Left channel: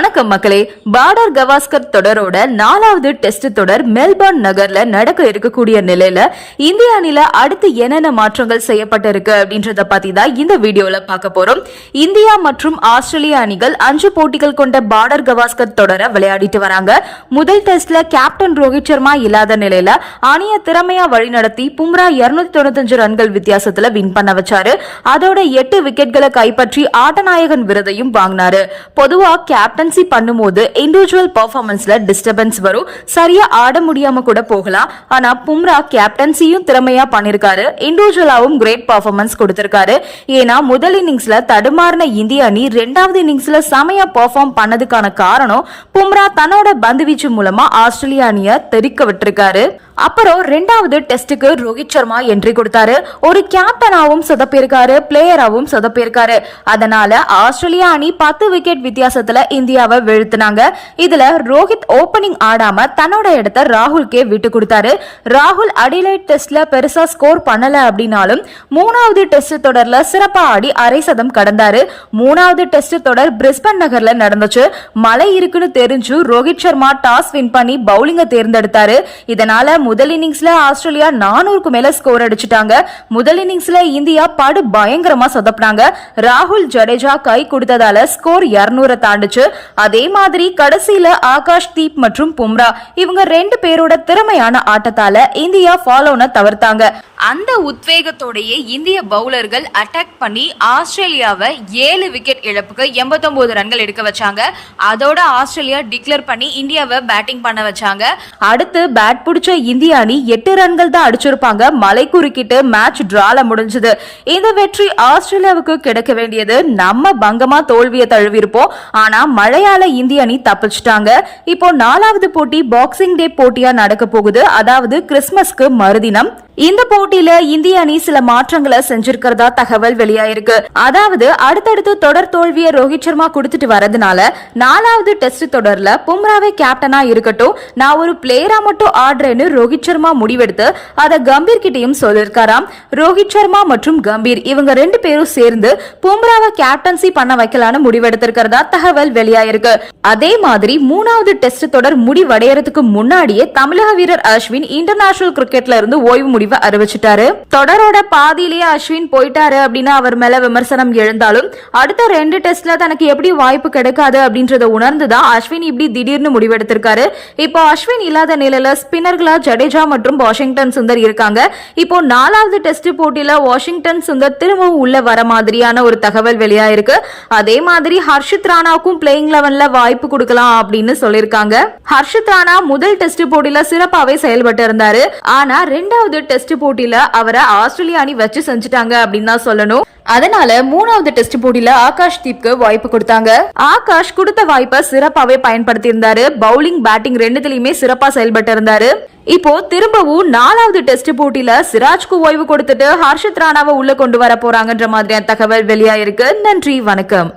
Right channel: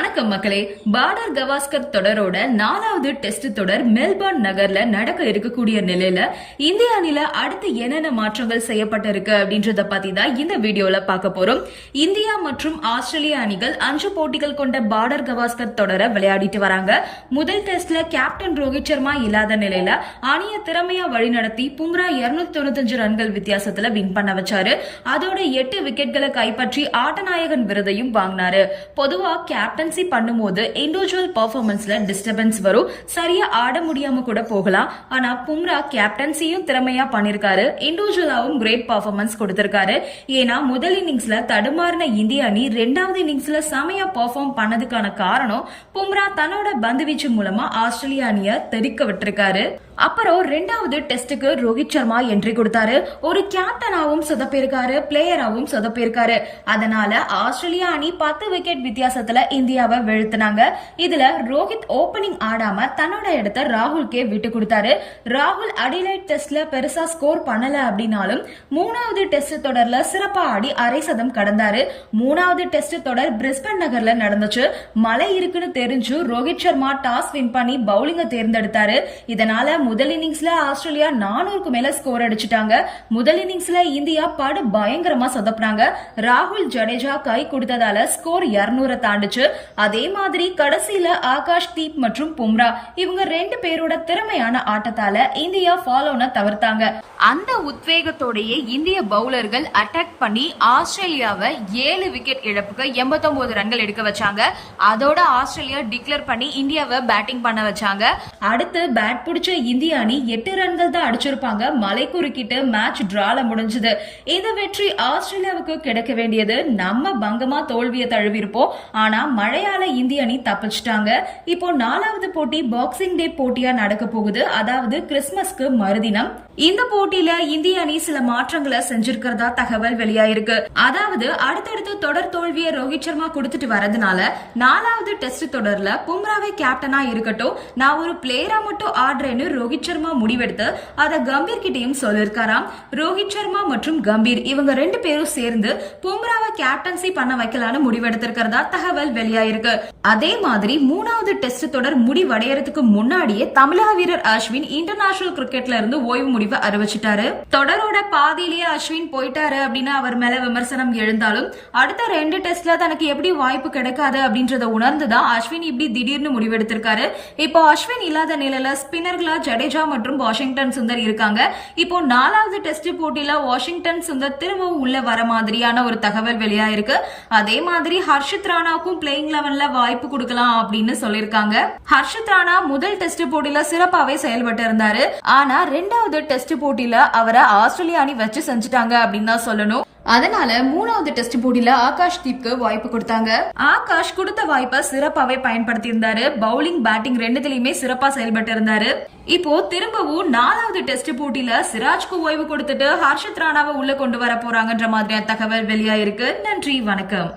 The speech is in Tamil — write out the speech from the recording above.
வணக்கம் மக்களே. பார்டர் கவாஸ்கர் தொடரோட 4வது டெஸ்ட் தொடர் மெல்பர்ன் நகர்ல நடக்க இருக்கக்கூடிய நிலையில இந்திய அணில அடுத்து என்னென்ன மாற்றங்கள் செய்யப்பட்டிருக்கு அப்படின்றத பத்தி தான் இந்த வீடியோல பார்க்க போறோம். இந்தியா மற்றும் ஆஸ்திரேலியா அணிகள் 5 போட்டிகள் கொண்ட பார்டர் கவாஸ்கர் தொடரை விளையாடிட்டு வராங்க. முதல் டெஸ்ட்ல கேப்டன் ரோஹித் சர்மா இல்லாத நிலையில அணியை திறமையா வழிநடத்தி பும்ரா 295 ரன்கள் வித்தியாசத்துல வின் பண்ண வச்சாரு. அதோட 8 விக்கெட்களை கைப்பற்றி ஆட்டநாயகன் விருதையும் வாங்கினாரு. பொதுவா கேப்டன்சி பண்ணும்போது இண்டிவிஜுவல் பெர்ஃபார்மன்ஸ்ல டிஸ்டர்பன்ஸ் வரும், சரியா ஆட முடியாம கூட போகலாம். ஆனா பும்ரா கேப்டன்சியும் திறமையா பண்ணிருக்காரு, இண்டிவிஜுவலாவும் கிரேட் பெர்ஃபார்மன்ஸ் கொடுத்திருக்காரு. ஏன்னா முதல் இன்னிங்ஸ்ல தடுமாறின இந்திய அணி 2வது இன்னிங்ஸ்ல செமையா பெர்ஃபார்ம் பண்ணதுக்கான காரணம் பும்ரா தன்னோட பந்து வீச்சு மூலமா ஆஸ்திரேலியா அணியை தெறிக்க விட்டிருக்காரு. அப்புறம் 2வது டெஸ்டுக்கு ரோஹித் சர்மா என்ட்ரி கொடுத்தாரு. ஒரு கேப்டனாவும் சொதப்பிருக்காரு, பிளேயராவும் சொதப்பிருக்காரு. அதனால ஆஸ்திரேலியா அணி 10 விக்கெட் வித்தியாசத்துல இந்தியாவை வீழ்த்தினாங்க. இதுல ரோஹித் ஓபனிங் ஆடாம தன்னோட இடத்தை ராகுல்கே விட்டு கொடுத்தாரு. ராகுல் அடிலைட் டெஸ்ட்ல பெருசா ஸ்கோர் பண்ணல அப்படின்னாலும் 3வது டெஸ்ட் தொடர்ல சிறப்பா ஆடி அரை சதம் கடந்தாரு. 3வது டெஸ்ட் தொடர் பிரிஸ்பன் நகர்ல நடந்துச்சு. மழை இருக்குன்னு தெரிஞ்சு ரோஹித் சர்மா டாஸ் வின் பண்ணி பவுலிங்க தேர்ந்தெடுத்தாரு. இதனால முதல் இன்னிங்ஸ்ல ஆஸ்திரேலியா 400க்கு மேல ஸ்கோர் அடிச்சிட்டாங்க. முதல் இன்னிங்ஸ்ல இந்தியா படு பயங்கரமா சொதப்பினாங்க. ராகுல் ஜடேஜா கை கொடுத்ததால ஸ்கோர் 200 தாண்டுச்சு. அதே மாதிரி கடைசியில ஆகாஷ் தீப் மற்றும் பும்ரா இவங்க 2 பேரோட திறமையான ஆட்டத்தால இந்தியா ஃபாலோன தவிர்த்தாங்க. அந்த உத்வேகத்தோடையே இந்திய பவுலர்கள் அட்டாக் பண்ணி ஆஸ்திரேலியாவை 7 விக்கெட் இழப்புக்கு 89 ரன்கள் எடுக்க வச்சாங்க. அதோட ஆஸ்திரேலியா டிக்ளேர் பண்ணி இந்தியாவை பேட்டிங் பண்ண வச்சாங்க. அடுத்து பேட் பிடிச்ச இந்திய அணி 8 ரன்கள் தான் அடிச்சிருப்பாங்க. மழை குறுக்கிட்டு மேட்ச் டிரால முடிஞ்சது. இந்த வெற்றி ஆஸ்திரேலியாவுக்கு கிடைக்க வேண்டியது. நம்ம பங்கமா தோல்வியை தழுவிருப்போம். ஆனா மழையால இந்திய அணி தப்பிச்சிட்டாங்க. இப்போ 4வது போட்டி பாக்ஸிங் டே போட்டியா நடக்க போகுது. அதாவது கிறிஸ்துமஸ்க்கு மறுதினம். இந்த போட்டியில இந்திய அணி சில மாற்றங்களை செஞ்சிருக்கிறதா தகவல் வெளியாயிருக்கு. அதாவது அடுத்தடுத்து தொடர் தோல்வியை ரோஹித் சர்மா கொடுத்துட்டு வரதுனால 4வது டெஸ்ட் தொடர்ல பும்ராவே கேப்டனா இருக்கட்டும், நான் ஒரு பிளேயரா மட்டும் ஆடுறேன்னு ரோஹித் சர்மா முடிவெடுத்து அதை கம்பீர் கிட்டையும் சொல்லிருக்காராம். ரோஹித் சர்மா மற்றும் கம்பீர் இவங்க 2 பேரும் சேர்ந்து பும்ராவை கேப்டன்சி பண்ண வைக்கலான்னு முடிவெடுத்திருக்கிறதா தகவல் வெளியாயிருக்கு. அதே மாதிரி 3வது டெஸ்ட் தொடர் முடிவடையறதுக்கு முன்னாடியே தமிழக வீரர் அஸ்வின் இன்டர்நேஷனல் கிரிக்கெட்ல இருந்து ஓய்வு முடிவு அறிவிச்சிட்டாரு. தொடரோட பாதியிலேயே அஸ்வின் போயிட்டாரு அப்படின்னு அவர் மேல விமர்சனம் எழுந்தாலும் அடுத்த 2 டெஸ்ட்ல தனக்கு எப்படி வாய்ப்பு கிடைக்காது அப்படின்றத உணர்ந்துதான் அஸ்வின் இப்படி திடீர்னு முடிவெடுத்திருக்காரு. இப்போ அஸ்வின் இல்லாத நிலையில ஸ்பின்னர்களா ஜடேஜா மற்றும் வாஷிங்டன் சுந்தர் இருக்காங்க. இப்போ 4வது டெஸ்ட் போட்டியில வாஷிங்டன் சுந்தர் திரும்பவும் உள்ள வர மாதிரியான ஒரு தகவல் வெளியாயிருக்கு. அதே மாதிரி ஹர்ஷித் ராணாவுக்கும் பிளேயிங் 11ல வாய்ப்பு கொடுக்கலாம் அப்படின்னு சொல்லிருக்காங்க. ஹர்ஷித் ராணா முதல் டெஸ்ட் போட்டியில சிறப்பாவே செயல்பட்டு இருந்தாரு. ஆனா 2வது டெஸ்ட் போட்டியில அவரை ஆஸ்திரேலியா அணி வச்சு செஞ்சுட்டாங்க அப்படின்னு தான் சொல்லணும். அதனால 3வது டெஸ்ட் போட்டியில ஆகாஷ் தீப்க்கு வாய்ப்பு கொடுத்தாங்க. ஆகாஷ் கொடுத்த வாய்ப்பை சிறப்பாவே பயன்படுத்தி இருந்தாரு. பவுலிங் பேட்டிங் 2த்துலயுமே சிறப்பா செயல்பட்டு இருந்தாரு. இப்போ திரும்பவும் 4வது டெஸ்ட் போட்டியில சிராஜ்க்கு ஓய்வு கொடுத்துட்டு ஹர்ஷித் ராணாவை உள்ள கொண்டு வர போறாங்கன்ற மாதிரியான தகவல் வெளியாயிருக்கு. நன்றி, வணக்கம்.